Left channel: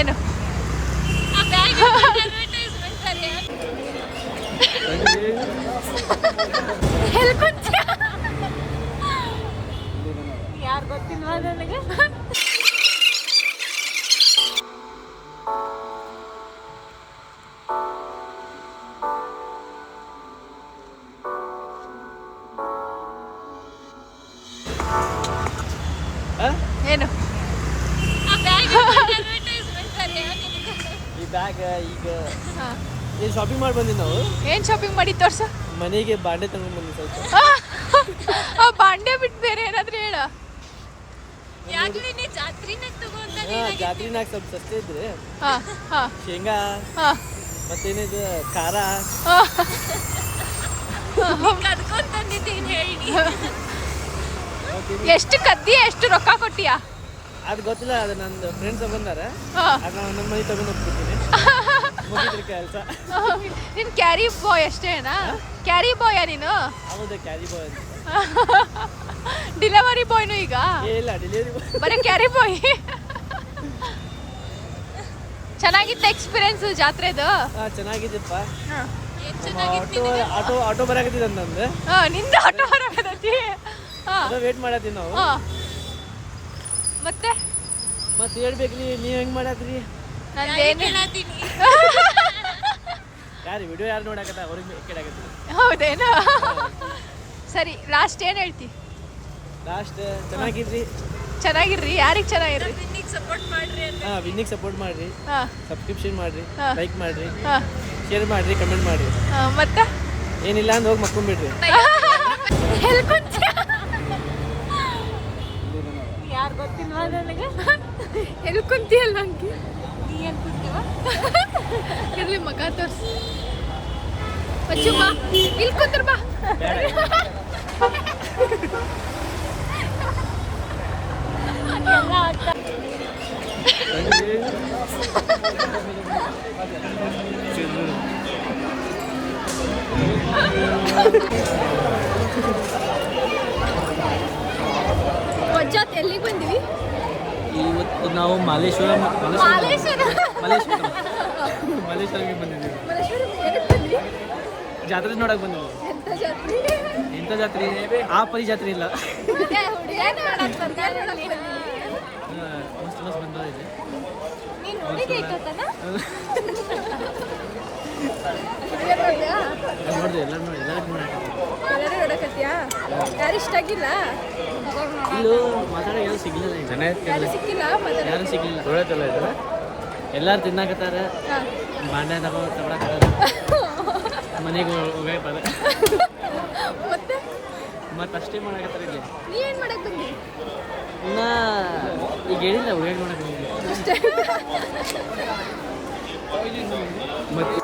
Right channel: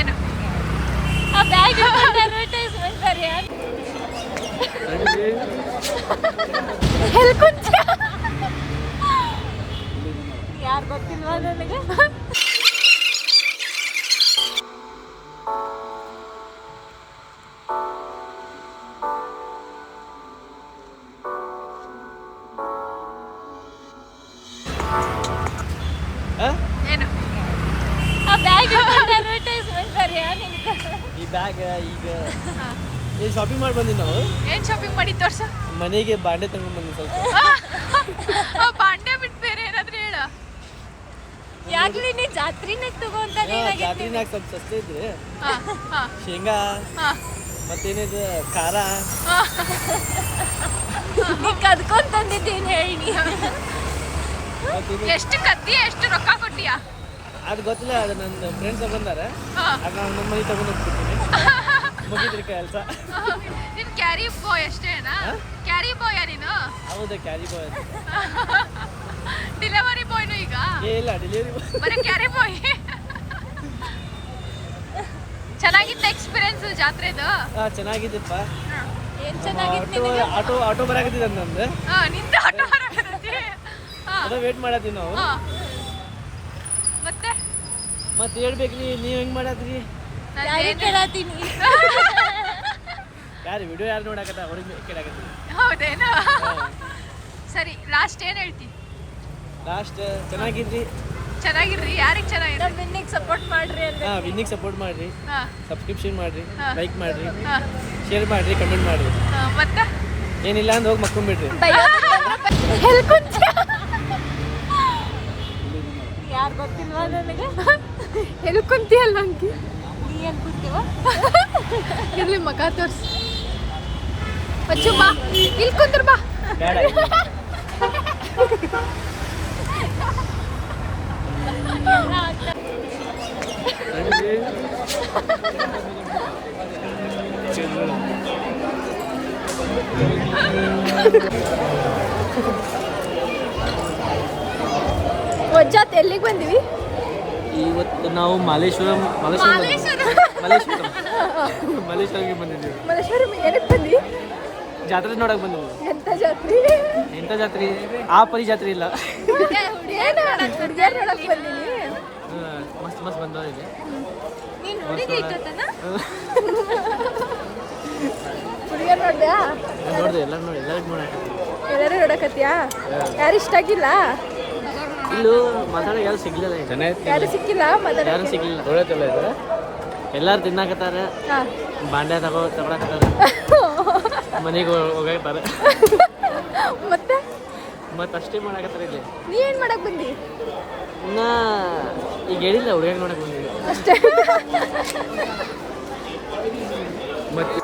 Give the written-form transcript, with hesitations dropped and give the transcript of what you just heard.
ಏನು ಯಾರು ಗೊತ್ತಿಲ್ವಾ ನನಗೆ ಏನು ಈ ಬ್ಯಾಗ್ ಈಗ ಏನು ಶಾಪಿಂಗ್ ಮಾಡಿ ಬಂದಿವಿ ನಾವು. ಏನ್ ಶಾಪಿಂಗ್ ಮಾಡಿ ತೋರ್ಸ. ಮನೆಗೆ ಬಾಂಡೆ ತಗೊಂಡ್ ಬಂದಿ ಸ್ವಲ್ಪ. ಬಾಂಡೆ ಬಿಟ್ಟು ಬೇರೆ ಏನಾದ್ರು ಹೇಳ. ಜಾತ್ರಿನಾಗ ಸ್ವಲ್ಪ ಸಸ್ತೆ ಇದ್ರೆ ಶೇಂಗಾ ಮತ್ತೇನಿದು ಖಾರ ಎಷ್ಟು ಕದ್ದಿ ಎಷ್ಟು ರೊಕ್ಕ ಕೊಟ್ಟಿಯಾ ಅದು ಗೊತ್ತಿಲ್ಲ. ಅದು ನನ್ನ ಫ್ರೆಂಡ್ಸ್ ಬಂದಾರ, ಅದು ನಾನು ನನ್ನ ಮನೆ ತಗೊಂಡು ಹೋಗ್ಬಿಡ್ತೀನಿ. ಮುಗಿದ್ರಿ ಕೆಲಸ. ನಿನ್ ಕ್ಯಾರಿ ಬಾಯ್ ಅಷ್ಟೇನಾ? ಕ್ಯಾರಿ ಬಾಯ್ ನೀನು? ಹೌದಾ, ಕ್ಯಾರಿ ಬಾಯ್ ಅಂತ. ಡೆಲಿವರಿ ಬಾಯ್ನು ಈಗ? ಇಲ್ಲ, ಡೆಲಿವರಿ ಬಾಯ್ ಬರೀ ಕ್ಯಾರಿ ಬಾಯ್. ಚೆನ್ನಾಗಿತ್ತ ಎಕ್ಸ್ಪೀರಿಯನ್ಸ್ ಜಾತ್ರೆದು? ಚೆನ್ನಾಗಿದ್ದಪ್ಪ. ಆಟೋ ಬರಾಕತ್ತಿದ ನಂದು. ನಿಂದ ಆಟೋ ಬರಾಕತ್ತಿ? ಅದ ವೇಟ್ ಮಾಡತ್ತೀವಿ ನಾವು. ಮತ್ತೆ ಹೇಳ್ಬೇಕು, ನೀವ್ ಹೆಂಗ್ ಮಾಡತ್ರಿ? ಯಾರು ವಿಡಿಯೋ ಯಾರು ನೋಡಕತ್ತ ಅವ್ರಿಗೆ ಕೇಳಾಕತ್ತೀವಿ. ಹೌದೇನಾ? ಸರಿ, ಲಾಸ್ಟ್ ಏನ್ ಹೇಳ್ತಿ? ಲಾಸ್ಟ್ ಚೆನ್ನಾಗಿದ್ರಿ. ಚೆನ್ನಾಗಿರ್ರಿ. ಯಾರಿಗೆ ಚೆನ್ನಾಗಿರ್ರಿ? ವಿನ್ನಿಗೆ ಸಪೋರ್ಟ್ ಮಾಡ್ರಿ, ಸಬ್ಸ್ಕ್ರಿಪ್ಷನ್ ಮಾಡ್ರಿ, ಲೈಕ್ ಮಾಡ್ರಿ, ಶೇರ್ ಮಾಡ್ರಿ, ಕಮೆಂಟ್ ಮಾಡ್ರಿ. ಮತ್ತೆ ಏನಿಲ್ಲ ಅಂದ್ರೆ ಹೋಗಿ ಮಕ್ಕೊಂಡ್ಬಿಡ್ರಿ. ಯಾರು ಗೊತ್ತಿಲ್ವಾ ನನಗೆ? ಎಲ್ಲಿ ಕುಂತಿಯಲ್ಲ ಅಂಕಿ? ನೀ ಎಲ್ಲಿ ಕುಂತೀವ? ಇಲ್ಲಿ ಮಗ ತೋರಿಸಿ. ಇಲ್ಲಿ ಕುಂತ್ರ ಬಾ. ವಜ್ಜಾತ್ ಎಲ್ಲಿಗೆ ಬಂದಿವಿ? ಇವತ್ತು ನಾವು ಮಲ್ಲೇಶ್ವರಂ ಬಂದಿದ್ದೀವಿ. ಜಾತ್ರೆ ನೋಡಕ್ ಬಂದಿದ್ದೀವಿ. ಎಂತ ಜಾತ್ರೆ? ಆ ಪರಿ ಜಾತ್ರೆ ಇಲ್ಲ. ಮಸ್ತ್ ಮಸ್ತ್ ಬಂದಿದೆ. ನೋಡಿದೆ, ಎಲ್ಲರೂ ನೋಡಕತ್ತೀಯಾ? ಯಾರು ಇಷ್ಟ ಆಗಿಲ್ಲ? ಇಲ್ಲೂ ಮಾತಾಡೋ ಯಾರು ಸಿಗ್ಲಿಲ್ಲ. ಯಾರು ಸಿಕ್ಕಿಲ್ಲ? ಯಾರು ಸಿಗ್ಲಿಲ್ಲ. ಎಲ್ಲಾರು ತಿನ್ನಾಕತ್ತಾರ, ಬಾಂಡೆ ತಗೊಳಕತ್ತಾರ, ಮನೆಗೆ ಹೋಗತ್ತಾರ. ಮತ್ತೆ ಅಷ್ಟೇ ಮಾಡಕತ್ತಾರ. ಇಲ್ಲಿ ನೀ ಏನ್ ಮಾಡಕ್ ಬಂದಿ? ಇನ್ನ ಈಗ ಹೇಳಿಲ್ಲ, ಹುಡುಗಾಟ ಮಾಡಕ್ ಬಂದಿಲ್ಲ. ಮತ್ತೆ